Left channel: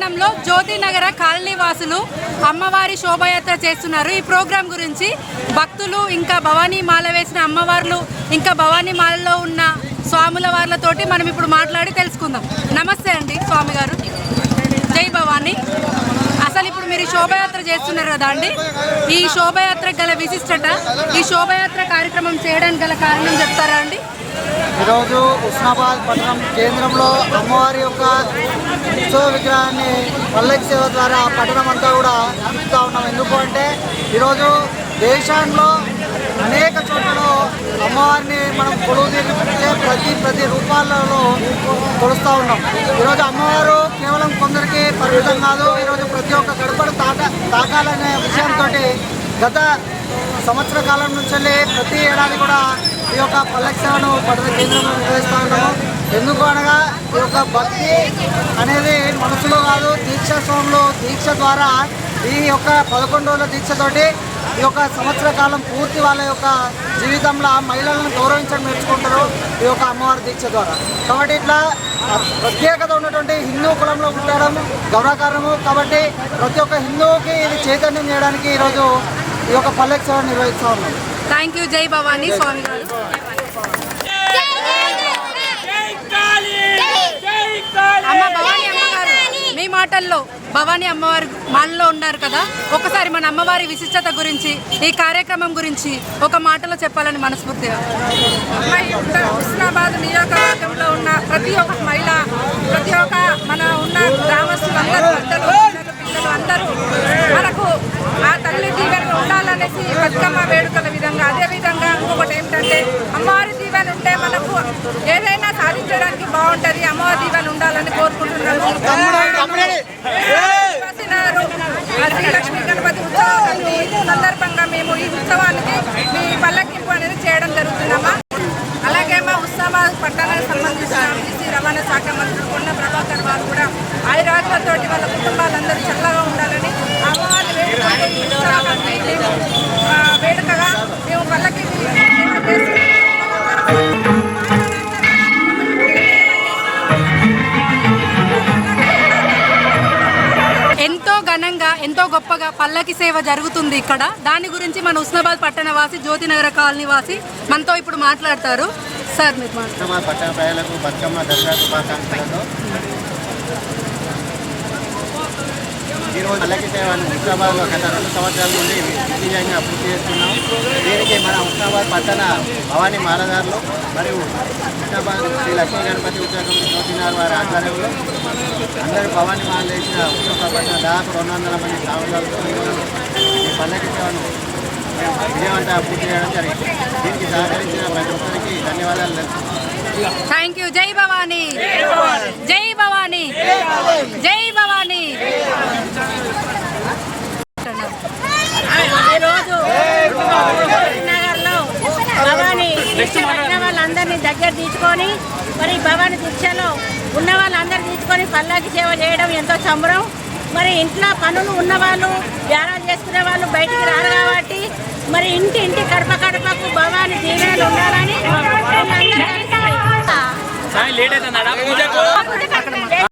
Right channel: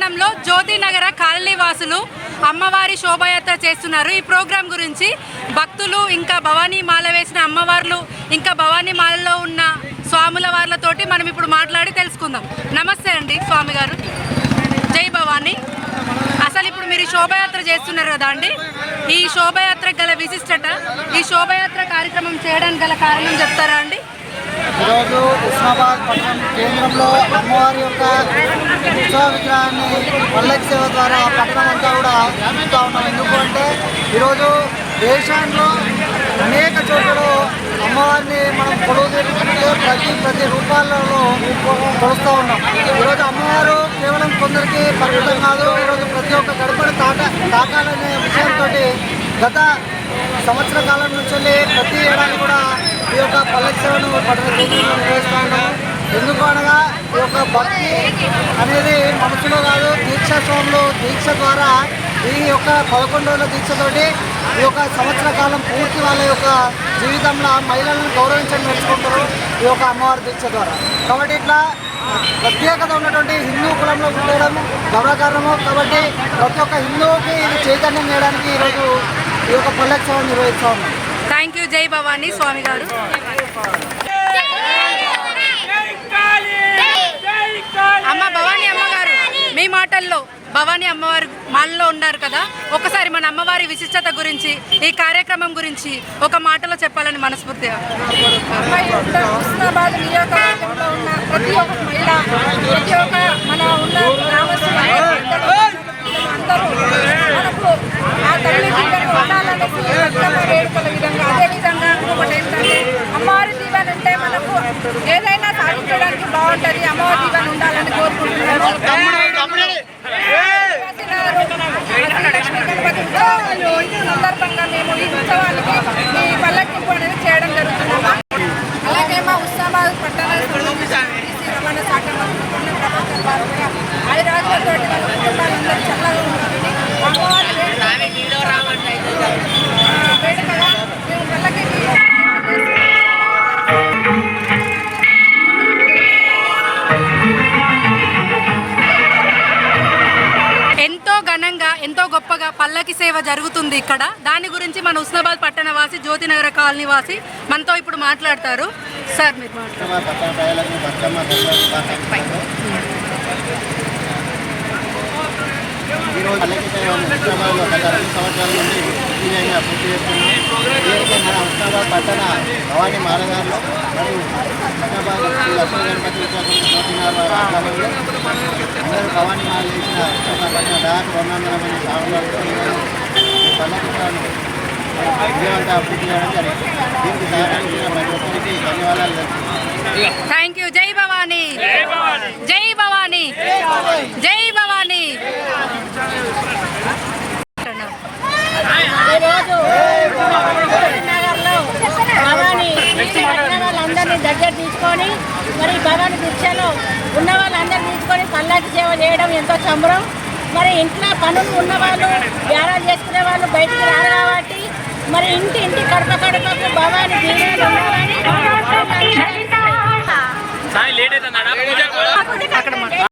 పట్టణంలో జ్యోతినగర కాలనీ వాసులు అమ్మవారి శోభయాత్ర చేస్తున్నారు. ఈ ప్రోగ్రాం గురించి భక్తులు ఇంకా భవానీ మాల వేసిన అమ్మవార్లు ఇంకా భవానీ మాలలో ఉన్న స్వాముల వార్లతోటి మనం ఇప్పుడు మాట్లాడి తెలుసుకుందాం. నమస్తే అండి స్వామి గారు, జై భవానీ. అసలు ఇప్పుడు మీరు శోభయాత్ర చేస్తున్నారు కదా అండి, ఈ శోభయాత్ర గల విశిష్టత, ఈ శోభయాత్ర కార్యక్రమం చేయడానికి గల కారణం చెప్తారా అండి? ఈరోజు ఉస్మాబాద్ పట్టణం కేంద్రంలో అమ్మవారి యొక్క ఉత్సవ విగ్రహాన్ని పల్లకి సేవ ద్వారా పట్టణం అంతా కూడా ఉంచుతూ ఉన్నాం. ఎందుకంటే ఈరోజు దేశంలో అనేక చోట్లలో అమ్మవారిని మనం కొలువు తీర్చుకుంటే ప్రతి రూపాలలో కొలుస్తూ ఉన్నాం. ఈరోజు అమ్మవారు కేవలం కొందరికి పరిమితం కాదు, ఈరోజు ప్రతి ఒక్క గడపడు తాకాలనే విషయంతో గత సంవత్సర కాలం నుంచి ప్రతి ఏడాది కూడా ఈ యొక్క పల్లకి సేవను పట్టణ కేంద్రంలో నిర్వహిస్తూ ఉన్నాము. ఎందుకు అనగా ఈ యొక్క భక్తి అనేది మనసులో కాదు, దీక్ష స్వాములు దీక్ష ద్వారా ఈ యొక్క 11 రోజుల దీక్షతోటి ఈ యొక్క సంవత్సర కాలం పూర్తి వాళ్ళ యొక్క జీవితంలో మహిళలను గౌరవించడం నేర్చుకుంటారు ఈ యొక్క అమ్మవారి దీక్ష ద్వారా. కాబట్టి ఇట్లా ప్రత్యేకత ఉన్నటువంటి హిందూ కులంలో పుట్టడం గౌరవకారణము. కాబట్టి ప్రతి ఒక్క హిందువుకి ఇది చైతన్యం చేయడానికి ఈరోజు ఈ యొక్క పల్లకి సేవ నిర్వహిస్తూ ఉన్నాం. Thank you. జై భవానీ స్వామి గారు. అమ్మ భవానీ అమ్మగారు, మీ మాటల్లో భవానీ అమ్మవారి మాలలో ఉన్నారు కదా, ఒకసారి మన అమ్మవారి విశిష్టత గురించి, ఈ కార్యక్రమం గురించి ఒక మాటలో చెప్పాలని మనస్ఫూర్తిగా. హుస్నాబాద్ నియోజకవర్గంలో ఉన్న ప్రతి ఒక్క మహిళ, ప్రతి ఒక్క మన ఉన్న గ్రామస్తులందరూ అందరూ మనకు ఆ తల్లి దీవెన ఉండాలనేసి బతుకమ్మ వేడుకల విధంగా, అదేవిధంగా ఇంకొకటి ఏంటంటే అమ్మవారి దీవెన ఉంటే మనకు ఏదైనా సాధించడానికి బాగుంటుంది. అమ్మవారి దీవెన ఉండాలని కోరుకుంటున్నాము. శ్రీలక్ష్మీ గణపతి ఉత్సవం సందర్భంగా మేము ఈ ఉత్సవానికి మీ పల్లకింపు అనేది చేయడం జరుగుతుందమ్మా. అలాగే మా ఉస్మాబాద్ పట్టణానికి సంబంధించిన బీసీ రవాణా శాఖ మంత్రి కొండ ప్రభాకర్ వారు కూడా ఆయురాజులతోటి వాళ్ళ కుటుంబాలందరూ చల్లగా ఉండాలని అమ్మవారి వేడుకగా మేము పల్లకి ఎంతో ఘనంగా ఎంతో గొప్పగా పల్లకి సేవ జరుగుతుంది ఇక్కడ. దాని గురించి మన ఉస్మాబాద్ పట్టణ వాసి జ్యోతినగర కాలనీ వాసి మనతో ఇప్పుడు మాట్లాడతారు. సార్ మీరు మాట్లాడారు. పట్టణ ప్రజలకు బతుకమ్మ దసరా శుభాకాంక్షలు. ఈరోజు పల్లకి సేవను ఉస్మాబాద్లో గత 2 సంవత్సరాల నుండి విజయంగా పూర్తి చేస్తున్నాం. దీనికి మన ఉస్మాబాద్ పట్టణ భవానీ మాలదారులు మరియు ఉస్మాబాద్ శ్రీ లక్ష్మీ గణపతి ఉత్సవం జ్యోతినగర్ వారి ఆధ్వర్యంలో అందరూ భవానీ మాల చేసిన ఉస్మాబాద్ పట్టణ దాదాపు 200 మంది సాగులతో ఈ పల్లకి సేవను విజయవంతంగా పూర్తి చేయడం జరిగింది. దీనికి సహకరించిన ప్రతి ఒక్కరికి ధన్యవాదాలు తెలుపుతున్నాం. Thank you. జై భవానీ, జై భవానీ, జై భవానీ. ఈరోజు నగర్లో భవానీ పట్టిన వాళ్ళందరినీ దగ్గర తీసుకొని మరి భవానీ దీక్షలో ఉన్న వాళ్ళందరినీ తీసుకొని పల్లకి సేవ చేయడం ఎంతో సంబరం. మరి ఇంట్లో పనులు ఉన్నవాళ్ళు, వ్యారాలు చేసుకునే వాళ్ళు బయటికి రారు కాబట్టి మరి ఇంటి కడపకు భవానీ దీవెనలు ఉండాలని వీళ్ళందరూ కలిసి